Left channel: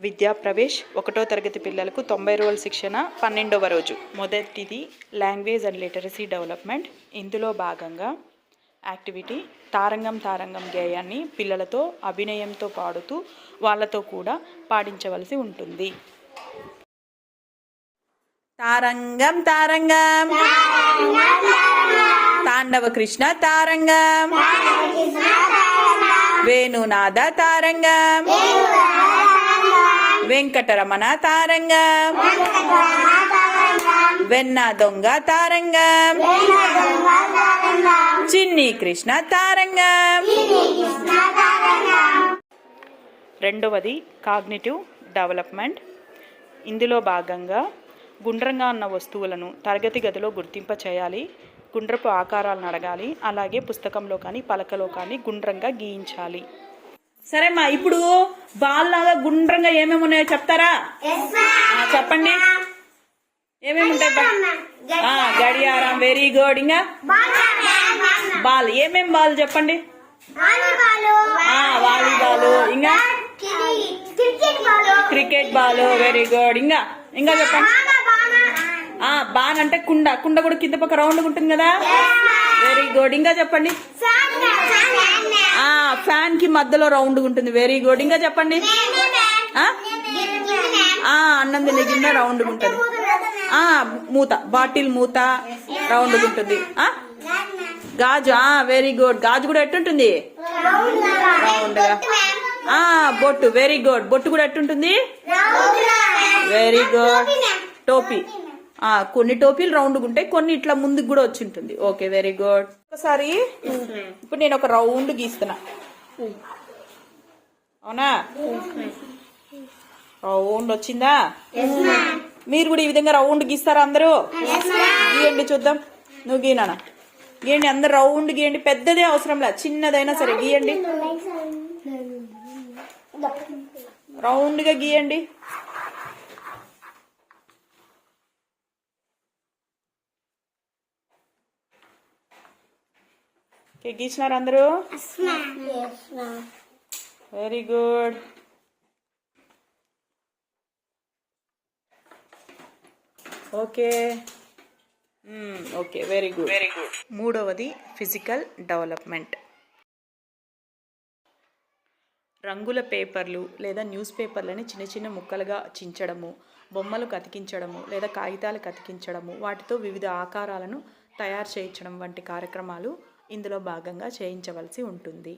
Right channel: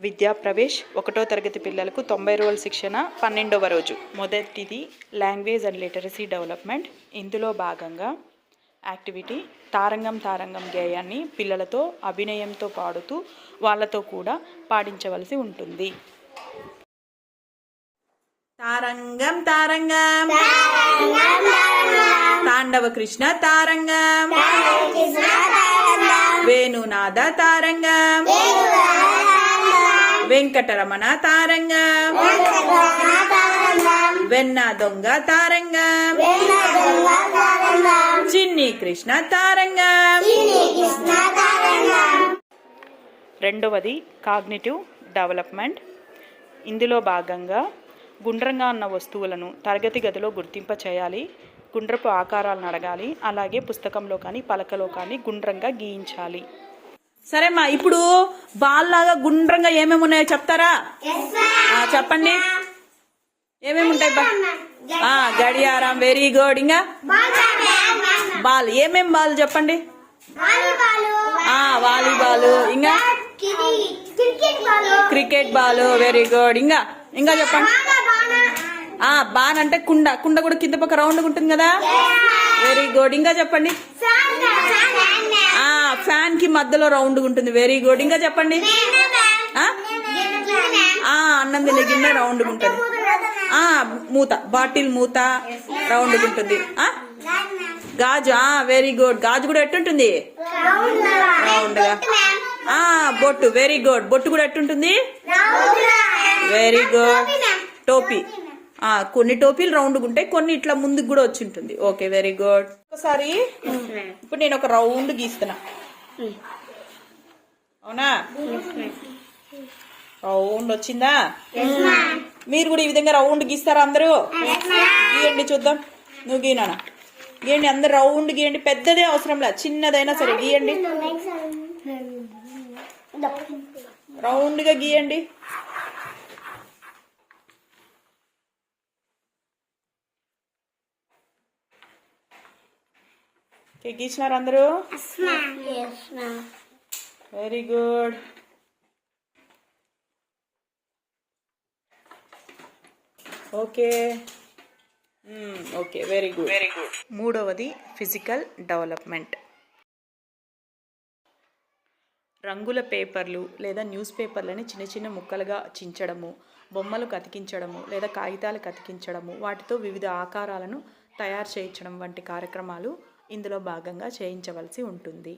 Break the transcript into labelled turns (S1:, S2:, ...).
S1: విద్యా ప్రవేశ్ ఒకటో తరగతి పిల్లలకు తొంభై రోజుల శిక్షణ పన్నెండవ రోజు. మొదటిది లాంగ్వేజ్ అండ్ లిటరసీ డెవలప్మెంట్. ఇందులో భాగంగా యాక్టివిటీ తారంగం తారంగం గేయాన్ని పిల్లలతో అభినయంతో పాడుతూ వాళ్ళతో కూడా పాడించవలసి ఉంటుంది. తారంగం తారంగం తాండవ కృష్ణ తారంగం వేణునాద తారంగం వెంకటరమణ తారంగా వెన్న దొంగ తారంగా. చిన్ని కృష్ణ తారంగా. రెండవది కాగ్నిటివ్ డెవలప్మెంట్. ఇందులో భాగంగా గుండ్రంగా ఉన్న వస్తువులను తరగతి గదిలో గుర్తింప చేయాలి గుండ్రపు ఆకారాలను అడగాలి అలాగే పుస్తకంలో కానీ పలకలో కానీ గుండ్రంగా గీయించాలి. సరేమ్మా ఇప్పుడు బాల్ లాగా గుండ్రంగా ఏమేమి ఉన్నాయో చెప్తారా? చెప్పండి. ఏమేమి ఉంటాయి గడియారం వెరీ గుడ్ ఇంకా? బాల్ ఏమేం బాల్ చెప్పండి? వాలీబాల్. ఇంకా?
S2: Cricket ball.
S1: వెరీ గుడ్ ఇంకా? ఇంకా చెప్పండి. ఆ బాన్ అంటే కుండ. కుండ కూడా కింద పక్క రౌండ్ ఉంటుంది కదా? వెరీ గుడ్ ఇంకా చెప్పండి. ఫ్యాన్కి మధ్యలో రౌండ్ ఉంటుంది. వెరీ గుడ్ ఇంకా చెప్పండి? అన్నం తినే గిన్నె రౌండ్ ఉంటుంది. ఆ మూత. బాటిల్ మూత రౌండ్ ఉంటుంది. ఆ? గాజు. ఆ వెరీ గుడ్ గాజు కూడా ఎట్టుంటుంది? రౌండ్గా. ఆ బొట్టు. వెరీ గుడ్ బొట్టు కూడా ఎట్టుంటుంది? వెరీ గుడ్ టోపీ కొన్ని టోపీలు రౌండ్గా ఉంటాయి కొన్ని ఇట్లా ముందుకు కూడా వచ్చి ఉంటుంది. Okay very good. ఒకసారి ఇప్పుడు నేను ఒక రౌండ్ గీస్తున్నా. అవునా? రౌండ్ వచ్చిందా? మీరు కూడా ఈ విధంగా రౌండ్ గీస్తారా అందరూ? గీయండి చూద్దాం. నువ్వు గీనా గీయండి అందరు రౌండ్ గీయండి. పెద్దదే అవసరం లేదు చిన్నదైనా సరే గీయండి. రౌండ్గా గీయండి. ఓకే, గీసినారు అందరూ? Very good okay. Okay very good very good మూడవది ఫిజికల్ డెవలప్మెంట్ రంగుల పేపర్లు లేదా న్యూస్ పేపర్లని చిన్న చిన్న ముక్కలుగా చించడము బొమ్మలు కతికించడము లేదా కాగితాలు కతికించడము వాటితో వివిధ ఆకారాలను తయారు చేయించడం వంటి కార్యక్రమాలు ఇందులో భాగంగా చేయించవలసి ఉంటుంది.